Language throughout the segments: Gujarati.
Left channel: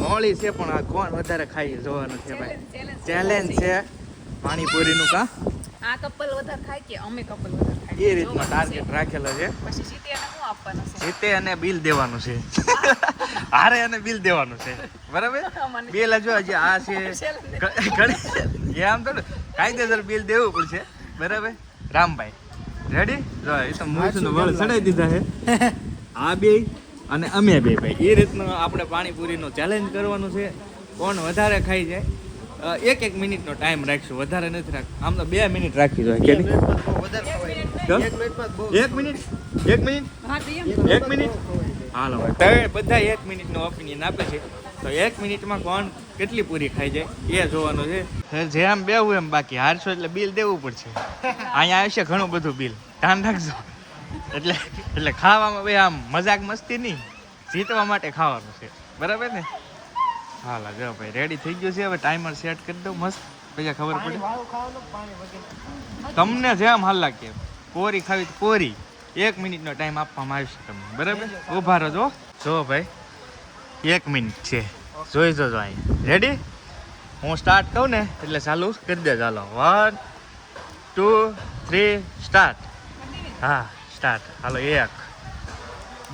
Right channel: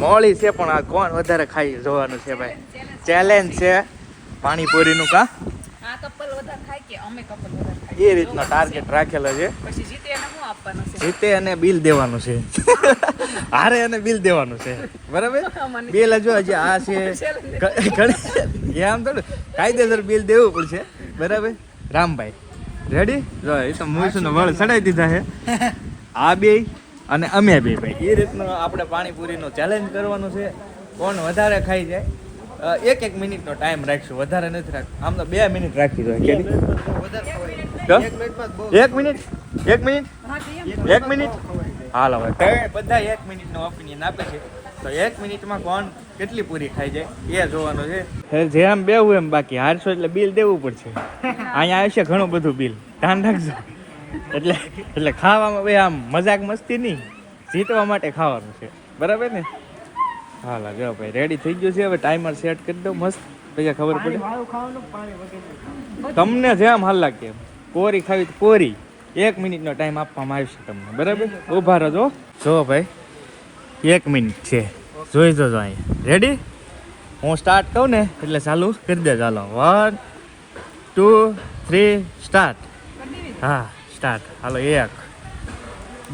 મોળી છે પણ આ કોણ વધારે ખાઈ જોવાનું છે ભાઈ. ચેલેન્જ છે પાણીપુરીનું કા આ કપલ વધારે ખાય કે અમે કપલ વધારે ખાય એ રીતનો ટાર્ગેટ રાખેલો છે. પછી જીતે એને શું આપવાનું છે? જીતે અને બિલ દેવાનું છે. હારે અને બિલ દેવાનું છે બરાબર. બિલ જો હજી આ છે આમ તો કાયદેસર બિલ દેવું પડશે બરાબર. રામભાઈ રેડી જો એ તો મૂસનો વળ ચડાવી દીધા છે. આ બે અને અમે બે ભાઈ એ રીતનું આપણે પાણીપુરીનો ચેલેન્જ કરવાનું છે. કોણ વધારે ખાઈ જાય. એક મિનિટનો ટાઈમ રાખશું, વધારે નથી રાખશું. આમ તો 2 મિનિટ રાખી જોઈએ. એક મિનિટ હાલો ભાઈ બધા 1 મિનિટનો ઓપિનિયન આપે છે. તો 1 મિનિટમાં કોણ કેટલી પૂરી ખાઈ જાય એ જોવાનું છે. જેમ બેવું એમ બાકી હારશો એટલે બિલ દેવું પડશે. અહીંયા આવશે ઘણું બધું બિલ, ધ્યાન રાખજો. એટલે ખાવામાં ભાઈ આમ મજાક મસ્તી નહીં, જીતવા માટે ખાવાનું છે બરાબર ને. હાલા જો ભાઈ રેડી થઈ ગયું છે. હવે ટાઈમર સેટ કરી દો મસ્ત, પછી ખબર પડે તમને જેમ હાલ લાગે. કોરી ખાવી તો કોરી. 1 મિનિટનો ટાઈમ આપવામાં આવશે તમને બરાબર. ઉભા રહો જો ભાઈ 1 મિનિટ છે. જોઈ જોજો અહીંયા રેડી. હું સ્ટાર્ટ કહું ને એટલે ચાલુ કરી દે. ચાલો 1 2 3 સ્ટાર્ટ. હા સ્ટાર્ટ. હાલો 1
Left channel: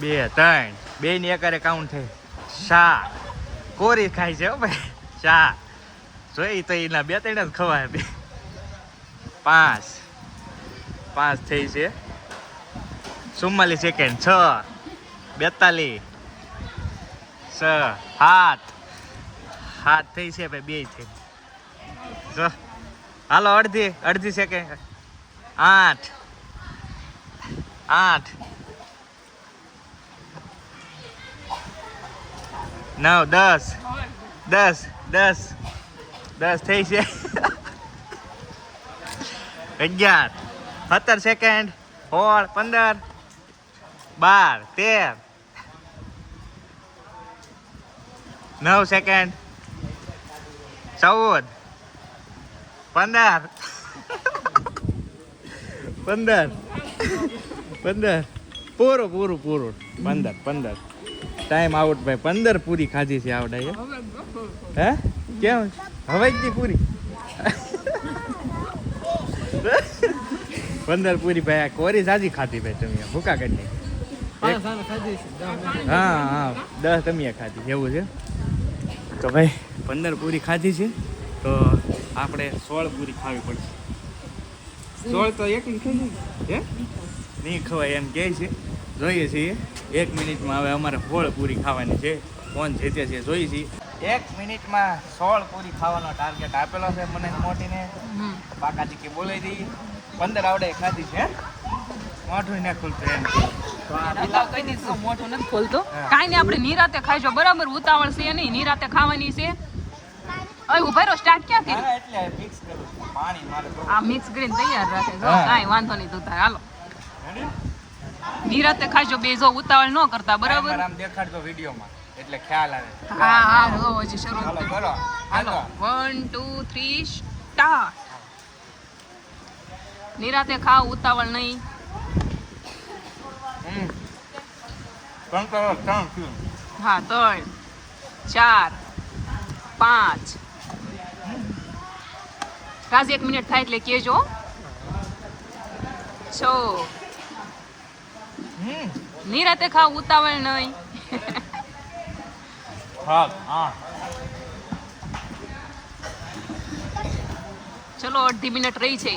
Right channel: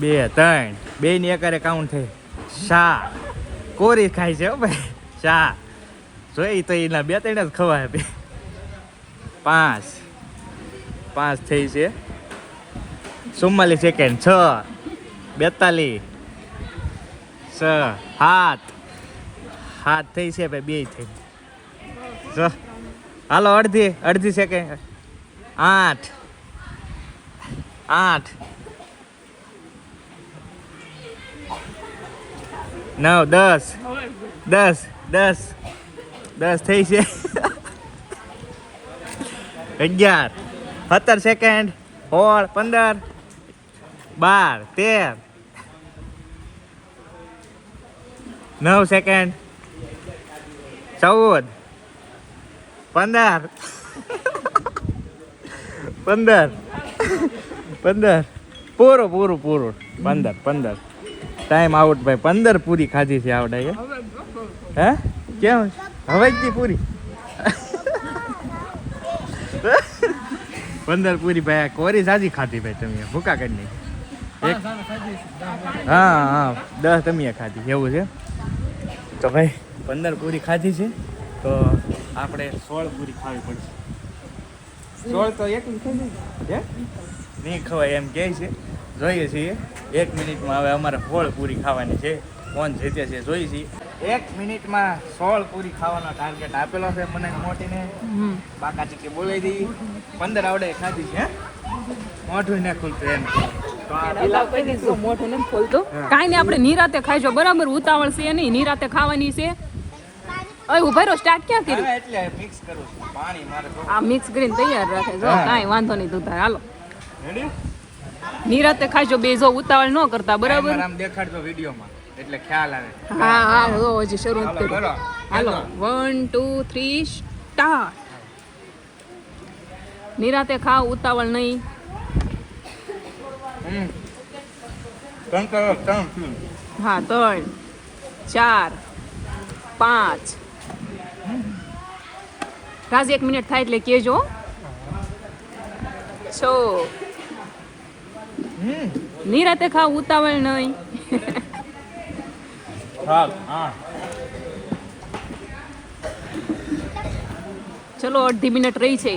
2 3 2 ની એકારે કાઉન્ટ થઈ. 4 કોરી ખાય છે ભાઈ. 4 જોઈ તો એના 2-3 જ ખવાય. 5 થઈ છે. 44 સેકન્ડ. 6 42 7 થઈ છે ભાઈ. 2 થઈ. હાલો અડધી સેકન્ડ. 8 9 10 થઈ છે. 11 17 સેકન્ડ. 16 15 12 13 9 સેકન્ડ. 14 15 પૂરું 15 ટાઈમ આઉટ ભાઈ. 15 પૂરી ખાધી છે આવડે. હે કેમ હવે જ પૂરી 15 પૂરી ભાઈ. આ કોરી સાજી ખાધી ભાઈ તમે. ભૂકા કાઢી હા 10 તમે ખાધી એવું છે. તો ભાઈ 15 પૂરી ખાધી છે તો આપણે 16 પૂરી ખાવી પડશે. 16 તો એક ખાધી હે નહીં ખવાય એમ કહે છે. જોઈએ છીએ 1 મિનિટમાં. હવે અમારે 16 પૂરી ખાવાની છે. કોણ જીતે છે જોઈએ છીએ. 1 મિનિટમાં 16 પૂરી ખાવાનો ટાર્ગેટ આપેલો છે મને મોટીને. બાકા ચીકી બોલાવી દઈએ. 15 આવડે ખાધી છે. મોઢું ને ખુલતું એમ મોઢું નથી ખોલતું. કાંઈ નહીં, આપણે નિરાતે ખાઈજો બરાબર. ઉતાવળ છે નહીં, નિરાતે ખાવાની છે. હવે ઉભા રહો. સ્ટાર્ટ ક્યાં કર્યું? એટલે મિક્સ કરું પાણી મારે. આ મિક્સ કરીને તૈયાર રાખે જો. કાંઈ વાંધો નહીં તું તાર. હાલો રેડી નિરાતે ખાઈજો બે. જો ઉતાવળ ન કરતા બરાબર. આમ દેખાડજો વિડીયોમાં એટલે ખ્યાલ આવે. હા જો હજી શરૂ કરી. હાલો 1 2 3 સ્ટાર્ટ. નિરાતે ખાવ, ઉતાવળ નહીં. હા 3 4 5 રાજ 1 મિનિટ થાય એટલે કેજો. 6 નિરાતે ખાવ, ઉતાવળ નહીં. ચલો અડધી મિનિટ રહી છે.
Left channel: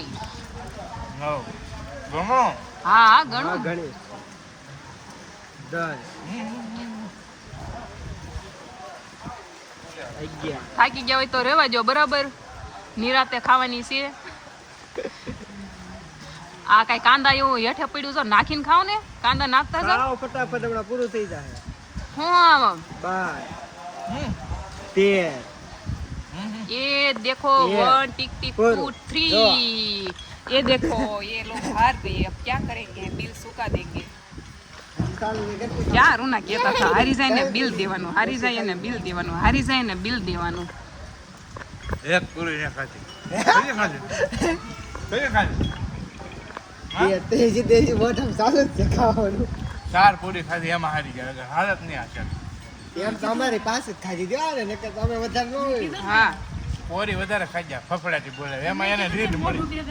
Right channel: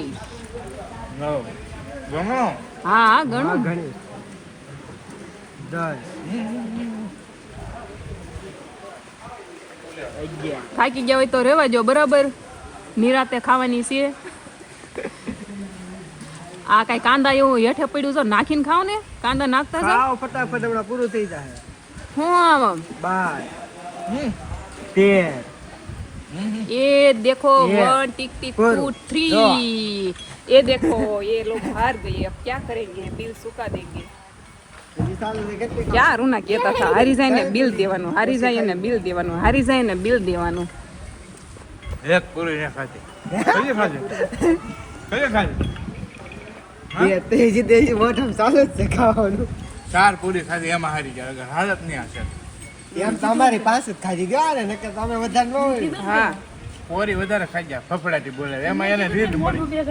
હા ઘણું. થાકી ગયા હોય તો રહેવા જો બરાબર. નિરાતે ખાવાની છે. આ કઈ કાંદા એવું હેઠે પડ્યું છે નાખીને ખાવ ને. કાંદા નાખતા જાવ ફટાફટ પૂરું થઈ જાય. હું આમ 12 ये देखो 1 टिक टिक 2 3 ये देखो ये लोग हार गए. अब क्या करेंगे? बिल चुका देंगे. क्या रूना कहता था हारी जाए ने बिल देवानु, हारी जाए ने बिल देवानु, हारी जाए ने बिल देवानु. એક પૂરી ને ખાતે કઈ ખાતે એ તેજી મોઢમ ચાલે છે ખાવાનું. 4 પૂરી ખાધી એમાં હારી ગયા. હાલત નહીં આ છે એમ તમારી પાસે જ ખાધી દો ને નકર તમે વધારે ન હોય. હા પોરી વધારે ખાઈ જાય ફફડાટી બોલે એમાં એને રીત મળી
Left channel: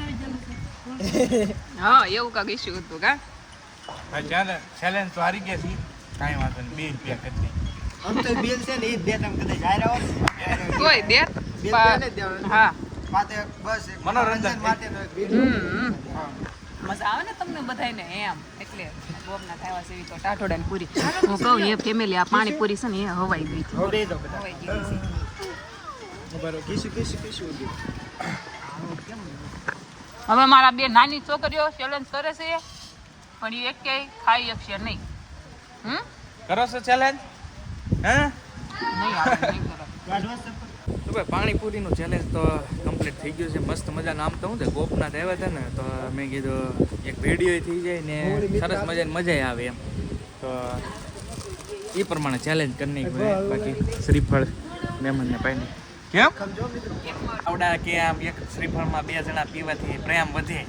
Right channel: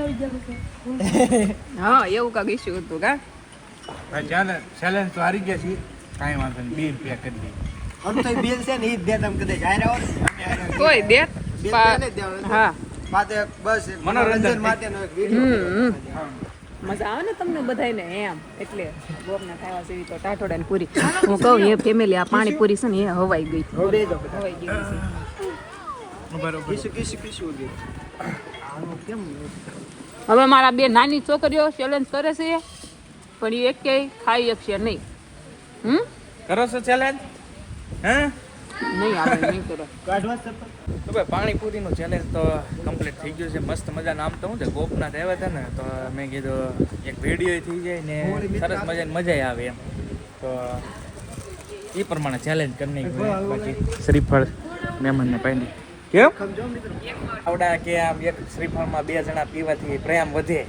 હા એવું કાંક ઇસ્યુ હતું કા ચાલે ચેલેન્જ તો હારી ગયા છીએ કાંઈ વાંધો નહીં 2 રૂપિયા કરી દઈએ આમ તો બિલ છે ને એ જ દે તમે કદાચ હારે આવો તોય દે બિલ પહેલે જ દેવાનું. હા માથે બસ એક મનોરંજન માટેનો એક વિડીયો. મજા આવે ને તમને બધાયને એમ એટલે ગોપના ખાવા જેવી તો ટાટોડા ની પૂરી હું કહું એ ફેમિલી આ પાણી પૂરી છે ને એ હવાઈ ગઈ હતી હવે દો. હવાઈ ગઈ છે હવે મારા બે નાની છોકરીઓ ચેલેન્જ કરે છે પણ એ એકેય ખાઈ શકશે નહીં કરો છો ચેલેન્જ હે નહીં આવે નહીં કરે કાઢવા છે પણ. તો ભાઈ પાણીપુરીનું ચેલેન્જ તો કમ્પ્લીટ થઈ ગયું છે મસ્ત મજાનું આમ તો હું છે ગોપનાથ આવ્યા હતા ને તો મેં કીધું એક વિડીયો થઈ જાય ને સરસ મજાની મજા આવે એમ તો એ પ્રમાણે ચેલેન્જ કરી નાખ્યું બાકી શ્રીફળ મહેમાનને પાણી કેમ આવડા કે આમ એક શ્રીફળમાં 2 જણા પીવાથી પ્રેમ વધે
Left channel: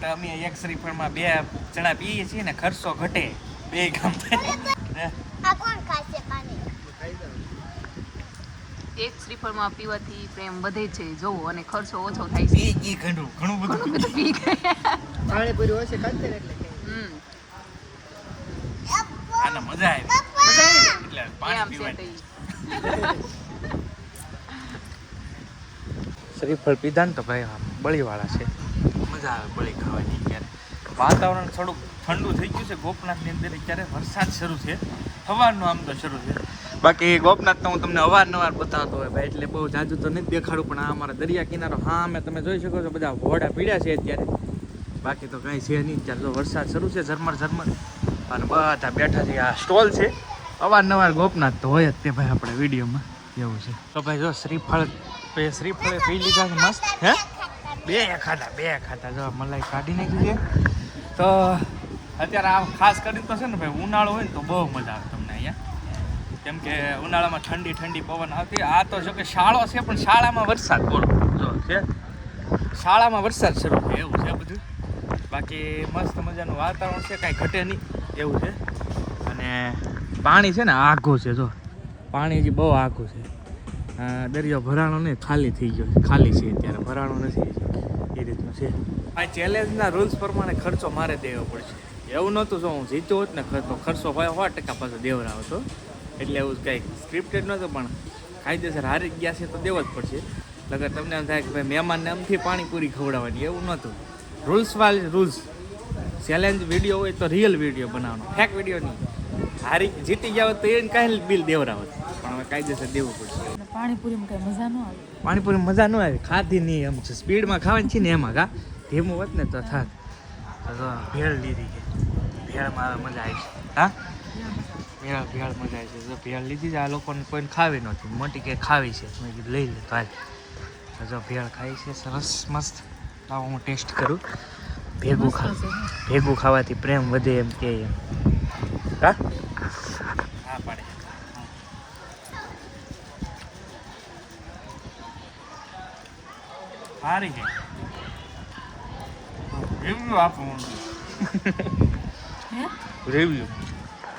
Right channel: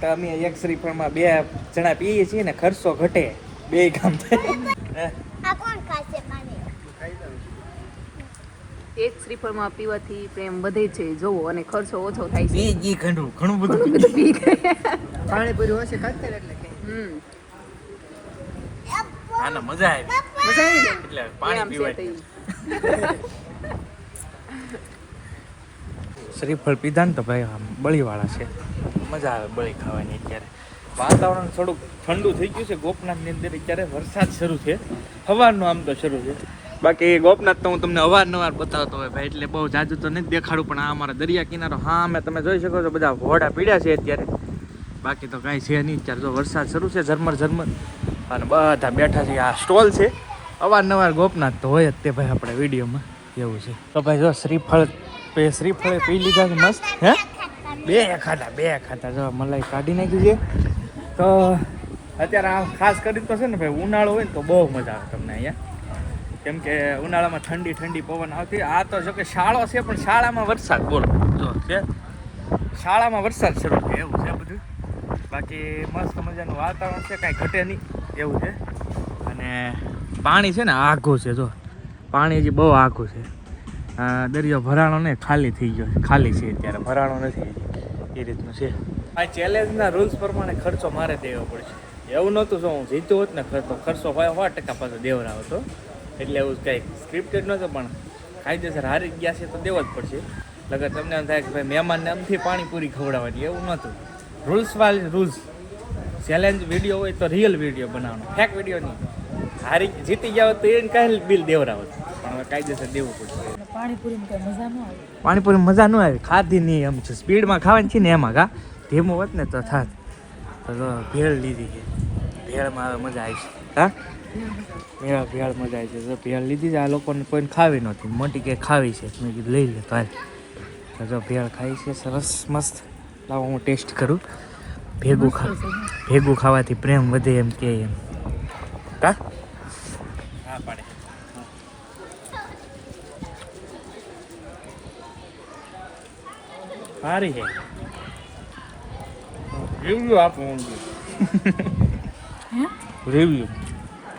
તો અમે એક શ્રીફળમાં 2 જણા પીએ છીએ ને ખર્ચો ઘટે 2 કામ થાય એક શ્રીફળમાં પીવાથી પ્રેમ વધે છે જોવો અને ખર્ચો ઓછો થાય છે ઘણું ઘણું બધું બધું પી ગયા પાણીપુરી ઓછી ખાધી ને એટલે. આને મજા આવી મજા આવી ને? એટલે એમ પાણી છે પીવાય તો ઈ. શ્રીફળ પીધા ને તો ભાઈ આમ બળીવાળા છે મજા આવે બળી ખાવાની અત્યારે વાતાવરણ થોડુંક ઠંડુ થઈ ગયું છે ગોપનાથની અંદર અત્યારે વરસાદ શરૂ છે સવારનો આમ તો શરૂ છે બાકી ગોપનાથ તો હું તમને અવારનવાર બતાવતો હોય ભાઈ એટલે બહુ જાજુ તો નથી દેખાડું પણ આ અમારા દરિયા કિનારો હા અમે તમે જોઈ શકો છો બધા ઘોડા પીડ્યા છે અત્યારે બાકી તો કાંઈ છે નહીં અત્યારે તો વરસાદ શરૂ છે ઝરમર ઝરમર અને બધા બેઠા છે આ સ્ટોલ છે અવારનવાર ગોપનાથ તો હોય જ તે ભાઈ આપણે વિડીયોમાં એવું છે તો ભાઈ જો શ્રીફળ પી લીધા છે મસ્ત હે 2 ખાધા જો મલાઈ કાઢી નાખી છે તો અત્યારે આમ ખાસ કરીને તો છે ને ભાઈ ઉનાળો હોય ને તો બહુ મજા આવે તમને અહીંયા કેમ કે ઉનાળામાં ઠંડી પવન આવતી આ તો જો કે શાળો છે પણ શાળામાં વરસાદ બોલો જો છે શાળામાં વરસાદ શરૂ છે એવું છે બધું બાકી મસ્ત મજાનું વાતાવરણ છે કાંઈ ઘટે નહીં એવું છે અને પાણી છે ને આઘું છે જો પાણી હજી બહુ આઘું છે દરિયો ભરાણો ને ખાલી થઈ ગયો છે ખાલી છે અત્યારે ભરાણો નથી એ રીતનું છે આ ચેલેન્જના રૂલ્સ પ્રમાણે ખર્ચો મારે દેવો પડશે એવું નહોતું જો હું જીત્યો હોત ને ખર્ચો હોય 100% પાછો દેવરાવો હતો એટલે એવું કંઈક સ્ક્રિપ્ટેડ નહોતું પણ કાયદેસર હારી ગયા છે તો દેવો જ પડશે લગર તમને એમ થાય કે ભાઈ મહેમાનને આમથી પાણીપુરી ખવડાવવાની એવું નહોતું રૂલ્સ ચેલેન્જ વિડીયો હોય તો રિયલ વિડીયો બનાવવાનો ફેક વિડીયો નહીં જીતી ગયા હોત તો એને કાંઈ બિલ દેવરાવત પણ હવે કાયદેસર દેવું પડશે પાણીપુરી મજા ન આવે ખાધી નહીં એમ છે સ્પીડમાં ખાવાની છે ને એમાં કા ધીમું હોત ને તો થાત તો ભેળ લીધી છે ભેળમાં હવે મજા આવી છે હા મેરા ભેળ મજા આવી છે તો ભેળ લીધી છે આ લોકોને કોઈને ખાવી નહોતી મોટી કે ખાવી છે મેં કીધું લઈ લે તો હાલ તો જો ભેળ ખાઈ છે સરસ મસ્ત લાવો હું ટેસ્ટ કરું ભેગું ખાવાથી પ્રેમ વધે એમ કે હા હા પાડે સારી છે રિવ્યુ આપો રિવ્યુ